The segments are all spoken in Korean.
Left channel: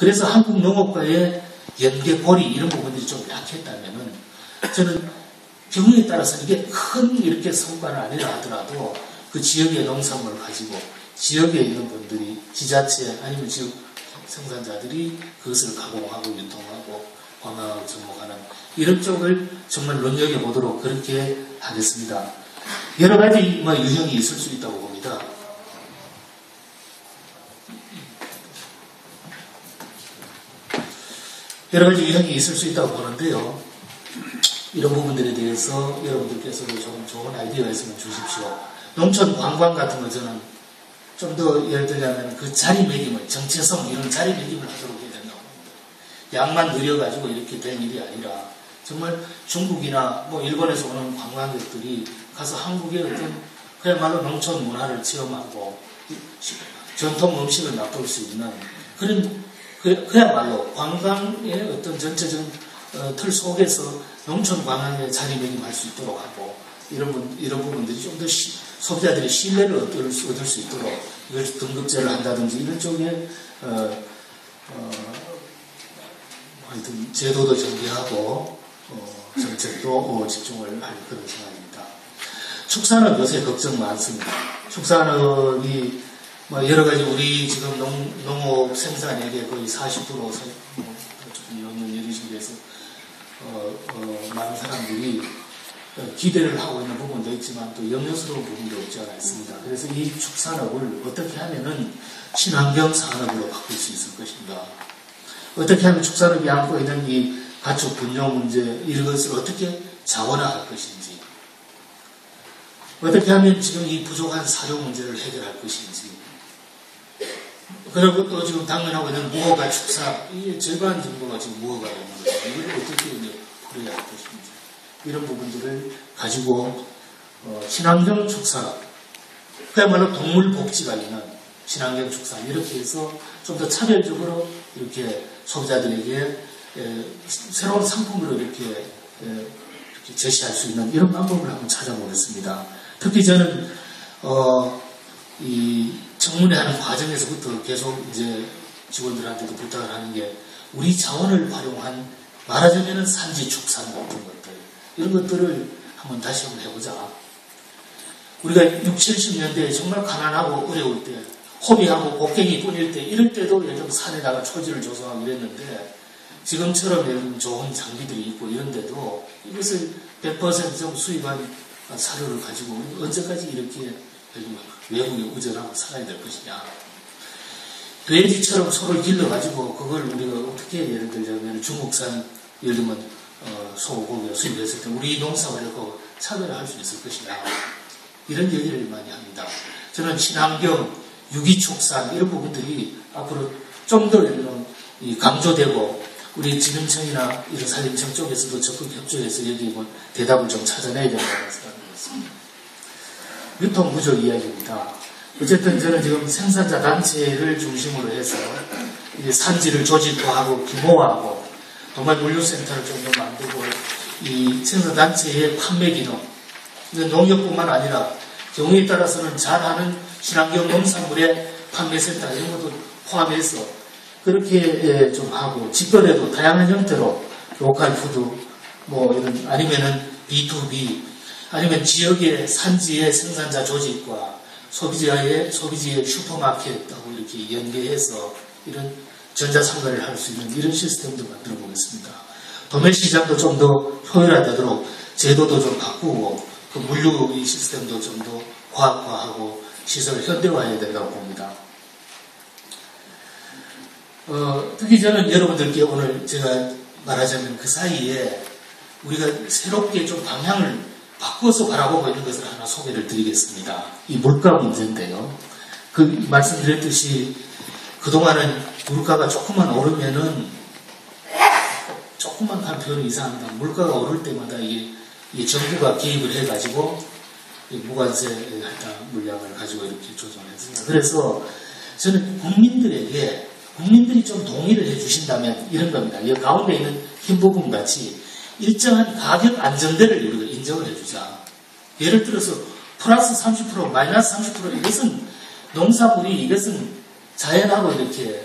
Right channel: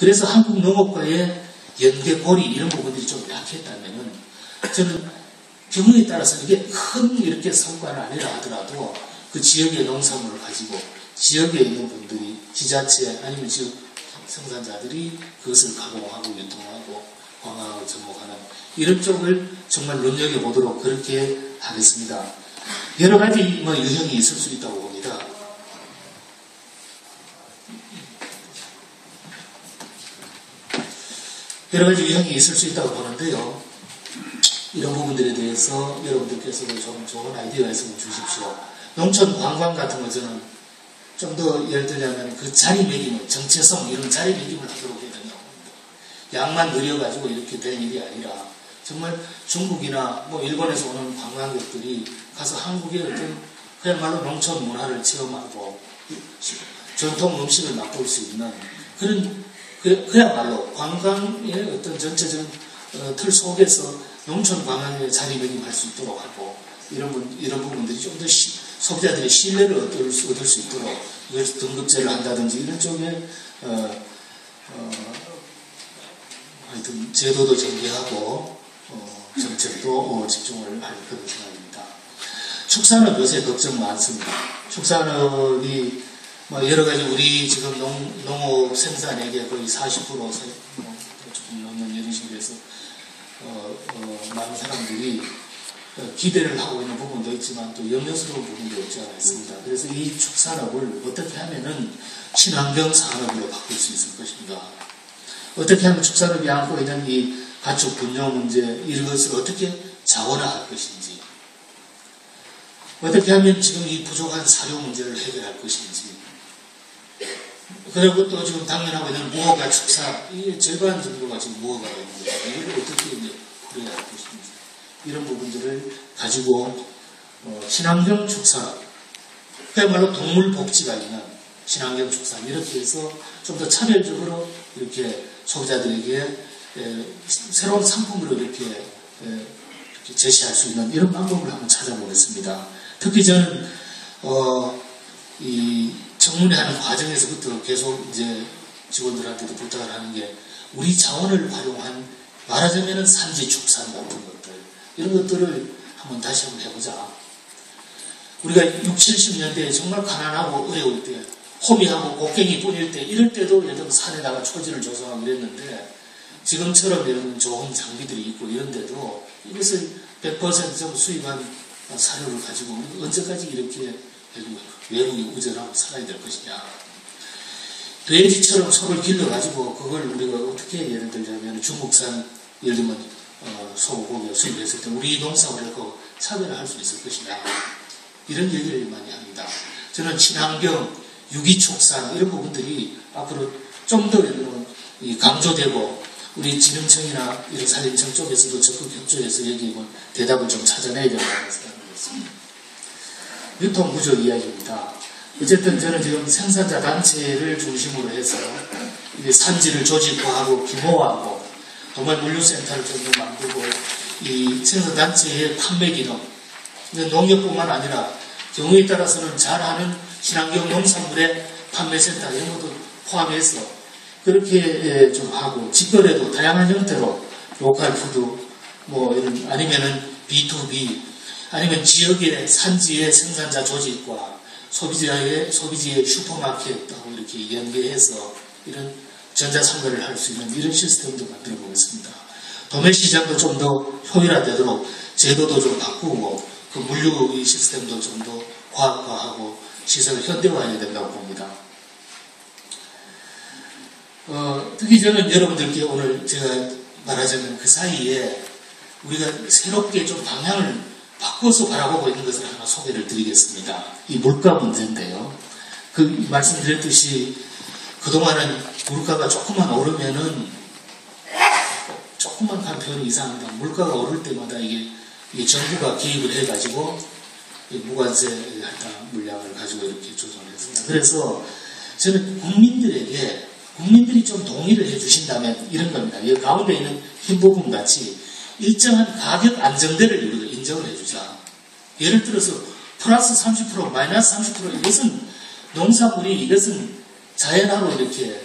그래서 한국 농업과의 연계 고리 이런 부분들이 좀 약했다면은 저는 경우에 따라서는 이게 큰 이렇게 성과는 아니라 하더라도 그 지역의 농산물을 가지고 지역에 있는 분들이 지자체 아니면 지역 생산자들이 그것을 가공하고 유통하고 관광을 접목하는 이런 쪽을 정말 눈여겨보도록 그렇게 하겠습니다. 여러 가지 유형이 있을 수 있다고 봅니다. 여러 가지 유형이 있을 수 있다고 보는데요. 이런 부분들에 대해서 여러분들께서도 좀 좋은 아이디어가 있으면 주십시오. 농촌 관광 같은 거 저는 좀 더 예를 들자면 그 자리매김을, 정체성 이런 자리매김을 하도록 해야 된다고 봅니다. 양만 늘려가지고 이렇게 될 일이 아니라 정말 중국이나 일본에서 오는 관광객들이 가서 한국의 어떤 그야말로 농촌 문화를 체험하고 전통 음식을 맛볼 수 있는 그런 그야말로 관광의 어떤 전체적인 틀 속에서 농촌 관광에 자리매김할 수 있도록 하고 이런 부분들이 좀 더 소비자들이 신뢰를 얻을 수 있도록 이걸 등급제를 한다든지 이런 쪽에 하여튼 제도도 전개하고 정책도 집중을 할 그런 생각입니다. 축산업 요새 걱정 많습니다. 축산업이 여러 가지 우리 지금 농업 생산액의 거의 40% 조금 넘는 이런 식에서 많은 사람들이 기대를 하고 있는 부분도 있지만 또 염려스러운 부분도 없지 않아 있습니다. 그래서 이 축산업을 어떻게 하면은 친환경 산업으로 바꿀 수 있을 것인가? 어떻게 하면 축산업이 안고 있는 이 가축 분뇨 문제 이것을 어떻게 자원화할 것인지, 어떻게 하면 지금 이 부족한 사료 문제를 해결할 것인지, 그리고 또 지금 당면하고 있는 무허가 축사, 이게 절반 정도가 지금 무허가 되는 거죠. 이걸 어떻게 풀어야 할 것인지. 이런 부분들을 가지고 친환경 축산, 그야말로 동물 복지가 있는 친환경 축산 이렇게 해서 좀 더 차별적으로 이렇게 소비자들에게 새로운 상품으로 이렇게 제시할 수 있는 이런 방법을 한번 찾아보겠습니다. 특히 저는 이 청문회하는 과정에서부터 계속 이제 직원들한테도 부탁을 하는 게 우리 자원을 활용한 말하자면은 산지 축산 같은 것들 이런 것들을 다시 한번 해보자. 우리가 60, 70년대에 정말 가난하고 어려울 때 호미하고 곡괭이 뿌릴 때 이럴 때도 예를 들면 산에다가 초지를 조성하고 이랬는데 지금처럼 이런 좋은 장비들이 있고 이런데도 이것을 100% 좀 수입한 사료를 가지고 우리가 언제까지 이렇게 외국에 의존하고 살아야 될 것이냐. 돼지처럼 소를 길러가지고 그걸 우리가 어떻게 예를 들자면 중국산 예를 들면 소고기 수입했을 때 우리 농사하고 차별을 할 수 있을 것이냐. 이런 얘기를 많이 합니다. 저는 친환경, 유기축산 이런 부분들이 앞으로 좀 더 강조되고 우리 지능청이나 이런 산림청 쪽에서도 적극 협조해서 여기 대답을 좀 찾아내야 된다고 생각합니다. 유통구조 이야기입니다. 어쨌든 저는 지금 생산자 단체를 중심으로 해서 산지를 조직화하고 규모화하고 동말 물류센터를 좀 더 만들고 이 생산단체의 판매 기능 농협뿐만 아니라 경우에 따라서는 잘하는 친환경 농산물의 판매센터 이런 것도 포함해서 그렇게 좀 하고 직거래도 다양한 형태로 로컬 푸드 이런 아니면은 B2B 아니면 지역의 산지의 생산자 조직과 소비지의 슈퍼마켓하고 이렇게 연계해서 이런 전자상거래를 할 수 있는 이런 시스템도 만들어 보겠습니다. 도매시장도 좀 더 효율화되도록 제도도 좀 바꾸고 그 물류 시스템도 좀 더 과학화하고 시설을 현대화해야 된다고 봅니다. 특히 저는 여러분들께 오늘 제가 말하자면 그 사이에 우리가 새롭게 좀 방향을 바꿔서 바라보고 있는 것을 하나 소개를 드리겠습니다. 이 물가 문제인데요. 그 말씀드렸듯이 그동안은 물가가 조금만 오르면은 조금만 간 표현이 이상합니다. 물가가 오를 때마다 이게 정부가 개입을 해가지고 무관세 물량을 가지고 이렇게 조정을 했습니다. 그래서 저는 국민들이 좀 동의를 해주신다면 이런 겁니다. 이 가운데 있는 흰 부분 같이 일정한 가격 안정대를 우리가 인정을 해주자. 예를 들어서 플러스 30%, 마이너스 30% 이것은 농산물이 이것은 자연하고 이렇게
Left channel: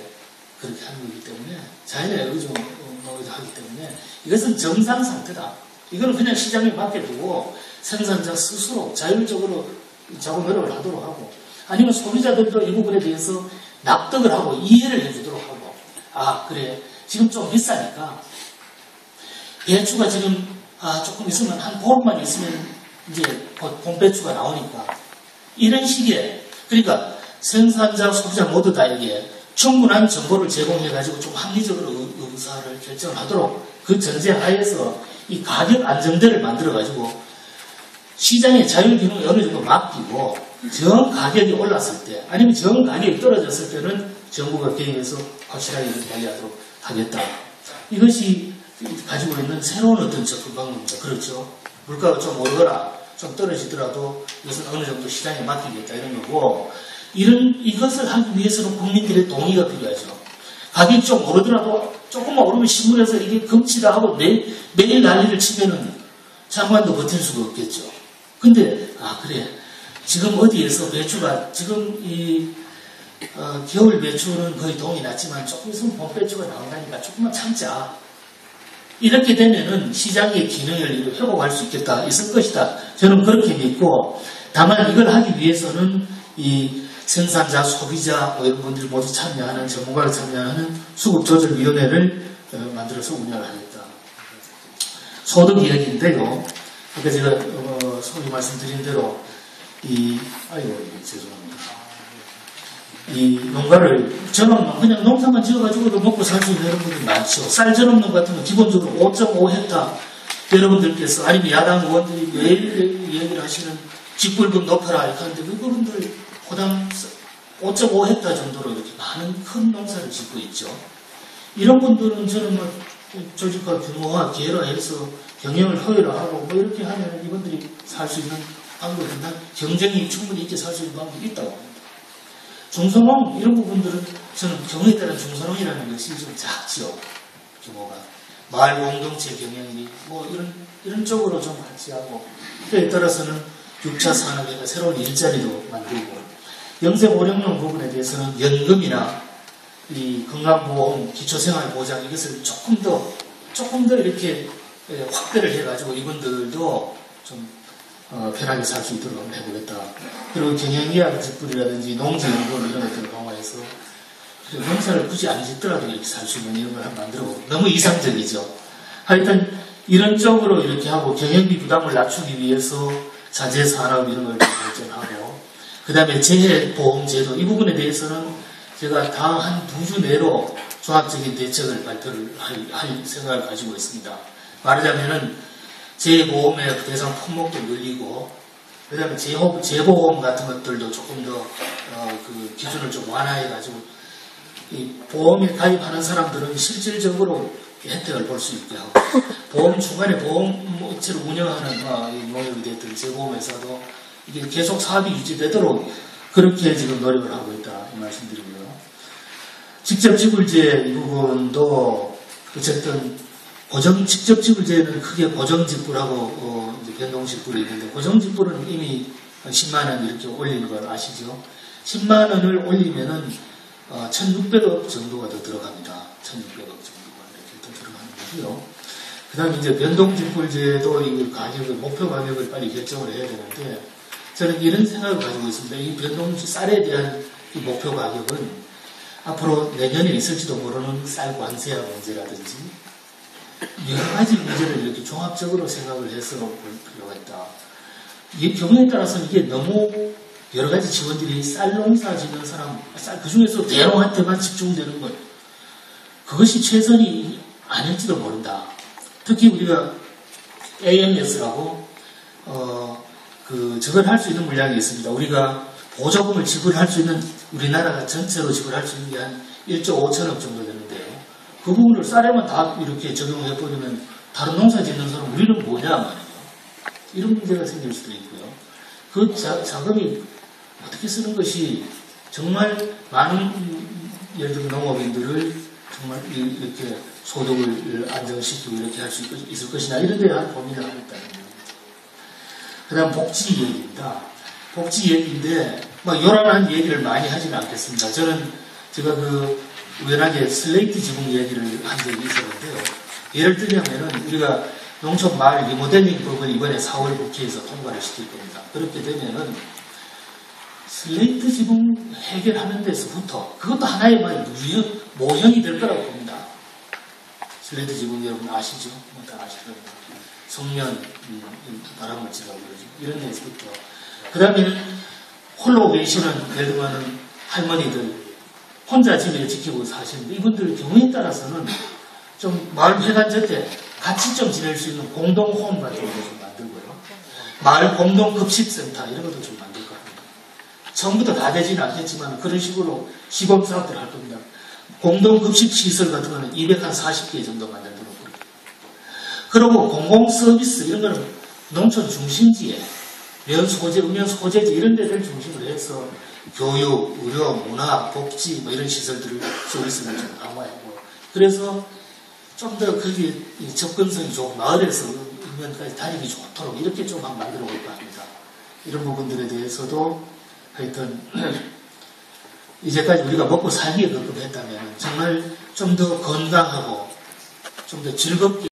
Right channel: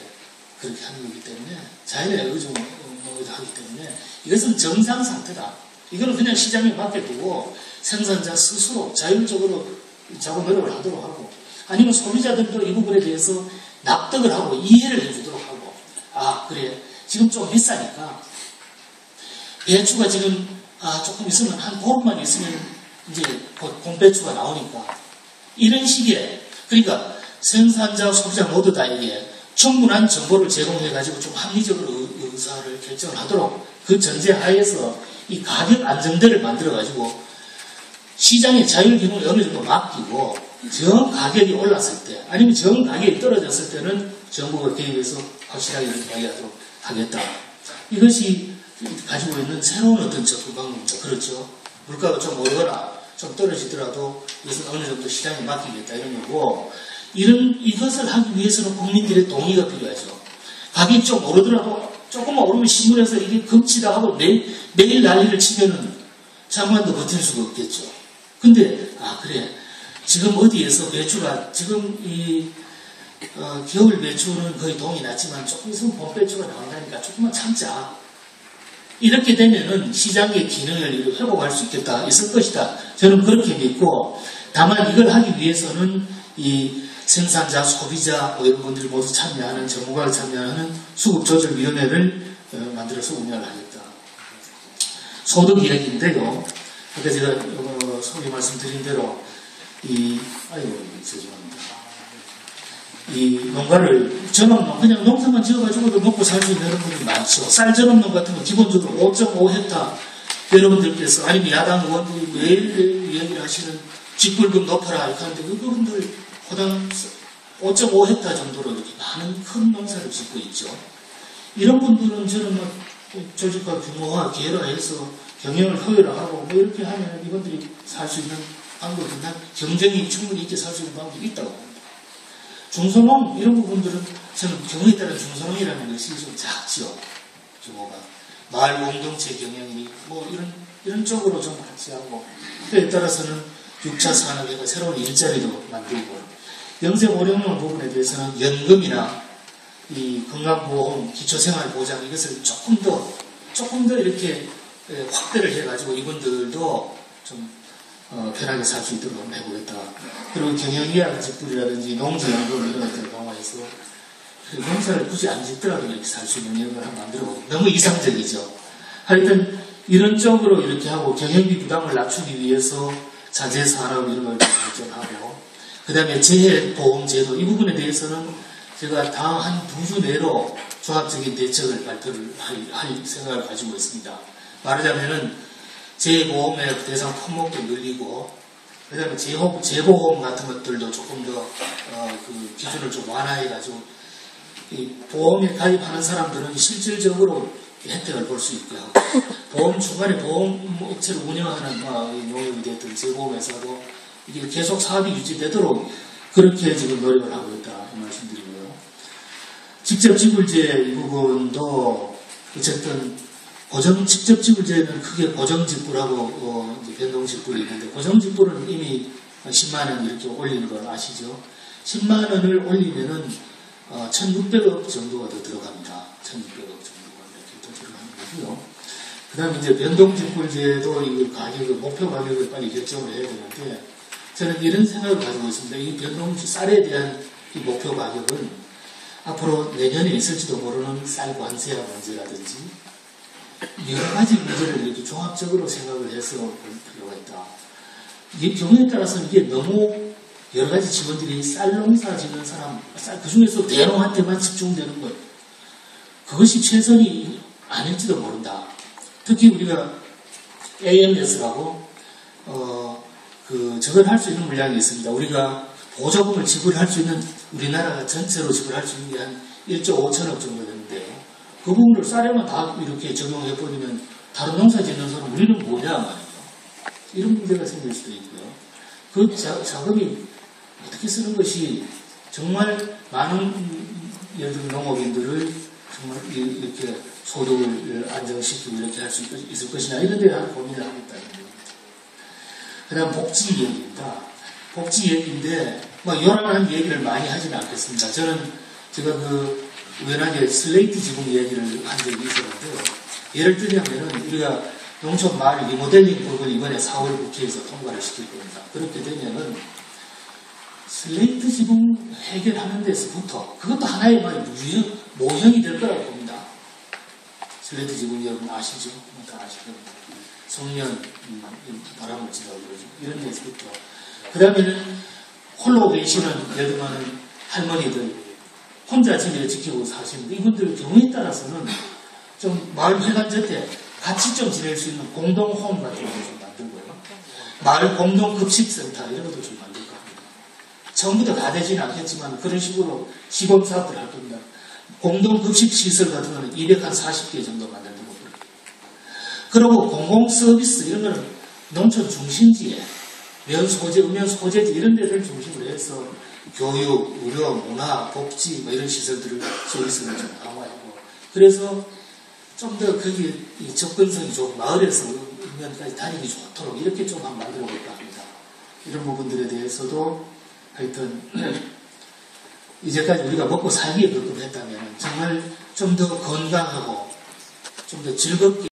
그렇게 하는 거기 때문에 자연에 의존하기 때문에 이것은 정상 상태다. 이거는 그냥 시장에 맡겨두고 생산자 스스로 자율적으로 자구 노력을 하도록 하고 아니면 소비자들도 이 부분에 대해서 납득을 하고 이해를 해주도록 하고 아 그래 지금 좀 비싸니까 배추가 지금 조금 있으면 한 보름만 있으면 이제 곧 봄배추가 나오니까 이런 식의 그러니까 생산자 소비자 모두 다에게 충분한 정보를 제공해가지고 좀 합리적으로 의사를 결정을 하도록 그 전제 하에서 이 가격 안정대를 만들어가지고 시장의 자율 기능을 어느 정도 맡기고 정 가격이 올랐을 때 아니면 정 가격이 떨어졌을 때는 정부가 개입해서 확실하게 이야기하도록 하겠다. 이것이 가지고 있는 새로운 어떤 접근 방법입니다. 그렇죠. 물가가 좀 오르거나 좀 떨어지더라도 이것은 어느 정도 시장에 맡기겠다 이런 거고 이것을 하기 위해서는 국민들의 동의가 필요하죠. 가격이 좀 오르더라도 조금만 오르면 신문에서 이게 금치다 하고 매일 난리를 치면은 장관도 버틸 수가 없겠죠. 근데 그래 지금 어디에서 배추가 지금 겨울 배추는 거의 동이 났지만 조금 있으면 봄 배추가 나온다니까 조금만 참자. 이렇게 되면은 시장의 기능을 회복할 수 있을 것이다. 저는 그렇게 믿고 다만 이걸 하기 위해서는 이 생산자, 소비자, 의원분들 모두 참여하는 전문가를 참여하는 수급조절위원회를 만들어서 운영을 하겠다. 소득 이야기인데요. 그러니까 제가 소위 말씀드린 대로 죄송합니다. 이 농가를 그냥 농사만 지어가지고도 먹고 살 수 있는 여러분들이 많죠. 쌀 전업농 같은 거 기본적으로 5.5헥타 여러분들께서 아니면 야당 의원들이 매일 얘기를 하시는 직불금 높여라 이렇게 하는데 그분들 호당 5.5헥타 정도로 이렇게 많은 큰 농사를 짓고 있죠. 이런 분들은 저는 조직화 규모화 계열화해서 경영을 효율화하고 이렇게 하면 이분들이 살 수 있는 방법이 경쟁이 충분히 있게 살 수 있는 방법이 있다고 봅니다. 중소농 이런 부분들은 저는 경우에 따른 중소농이라는 것이 좀 작죠. 규모가 마을 공동체 경영이 이런 쪽으로 좀 같이 하고 그에 따라서는 6차 산업에서 새로운 일자리도 만들고 영세고령농 부분에 대해서는 연금이나 이 건강보험, 기초생활보장 이것을 조금 더 이렇게 확대를 해가지고 이분들도 좀 편하게 살 수 있도록 해보겠다. 그리고 경영이약 직불이라든지 농지연금 이런 것들을 강화해서 농사를 굳이 안 짓더라도 이렇게 살 수 있는 이런 걸 만들어보고 너무 이상적이죠. 하여튼 이런 쪽으로 이렇게 하고 경영비 부담을 낮추기 위해서 자재산업 이런 걸 발전하고 그 다음에 재해보험제도 이 부분에 대해서는 제가 다음 한 2주 내로 종합적인 대책을 발표를 할 생각을 가지고 있습니다. 말하자면은 재보험의 대상 품목도 늘리고 그 다음에 재보험 같은 것들도 조금 더 그 기준을 좀 완화해가지고 이 보험에 가입하는 사람들은 실질적으로 혜택을 볼 수 있게 하고 보험 중간에 보험업체를 운영하는 농협이 됐든 재보험회사도 이게 계속 사업이 유지되도록 그렇게 지금 노력을 하고 있다 이 말씀드리고요. 직접 지불제 이 부분도 어쨌든 직접 지불제는 크게 고정지불하고 변동지불이 있는데 고정지불은 이미 10만 원 이렇게 올리는 걸 아시죠? 10만 원을 올리면은 1,600억 정도가 더 들어갑니다. 1,600억 정도가 이렇게 더 들어가는 거고요. 그 다음에 이제 변동지불제도 이 가격을, 목표 가격을 빨리 결정을 해야 되는데 저는 이런 생각을 가지고 있습니다. 이 쌀에 대한 이 목표 가격은 앞으로 내년에 있을지도 모르는 쌀 관세와 문제라든지 여러 가지 문제를 이렇게 종합적으로 생각을 해서 볼 필요가 있다. 이 경우에 따라서는 이게 너무 여러 가지 직원들이 쌀 농사 짓는 사람, 그 중에서 대농한테만 집중되는 거예요. 그것이 최선이 아닐지도 모른다. 특히 우리가 AMS라고 저걸 할 수 있는 물량이 있습니다. 우리가 보조금을 지불할 수 있는 우리나라가 전체로 지불할 수 있는 게 한 1조 5천억 정도 되는데요. 그 부분을 쌀에만 다 이렇게 적용해버리면 다른 농사 짓는 사람 우리는 뭐냐 말이에요. 이런 문제가 생길 수도 있고요. 그 자금이 어떻게 쓰는 것이 정말 많은 예를 들면 농업인들을 정말 이렇게 소득을 안정시키고 이렇게 할 수 있을 것이냐 이런 데 대한 고민을 하고 있다는 겁니다. 그 다음 복지 얘기입니다. 복지 얘기인데 요란한 얘기를 많이 하지는 않겠습니다. 제가 우연하게 슬레이트 지붕 얘기를 한 적이 있었는데요. 예를 들자면은 우리가 농촌 마을 리모델링 법을 이번에 4월 국회에서 통과를 시킬 겁니다. 그렇게 되면은 슬레이트 지붕 해결하는 데서부터 그것도 하나의 모형이 될 거라고 봅니다. 슬레이트 지붕 여러분 아시죠? 다 아실 겁니다. 성면, 바람을 지나고 이런 데서부터. 그 다음에는 홀로 계시는 예를 들면 할머니들 혼자 집을 지키고 사시는데 이분들 경우에 따라서는 좀 마을 회관제 때 같이 좀 지낼 수 있는 공동홈 같은 것도 좀 만들고요. 마을 공동급식센터 이런 것도 좀 만들 겁니다. 전부 다 되지는 않겠지만 그런 식으로 시범사업들을 할 겁니다. 공동급식시설 같은 거는 240개 정도 만들고 그리고 공공서비스 이런 거는 농촌 중심지에 면소재, 음면소재지 이런 데를 중심으로 해서 교육, 의료, 문화, 복지 뭐 이런 시설들을 서비스를 좀 강화하고 그래서 좀 더 거기에 접근성이 좋고 마을에서 음면까지 다니기 좋도록 이렇게 좀 한번 만들어 볼까 합니다. 이런 부분들에 대해서도 하여튼 이제까지 우리가 먹고 살기에 그렇게 했다면 정말 좀 더 건강하고 좀 더 즐겁게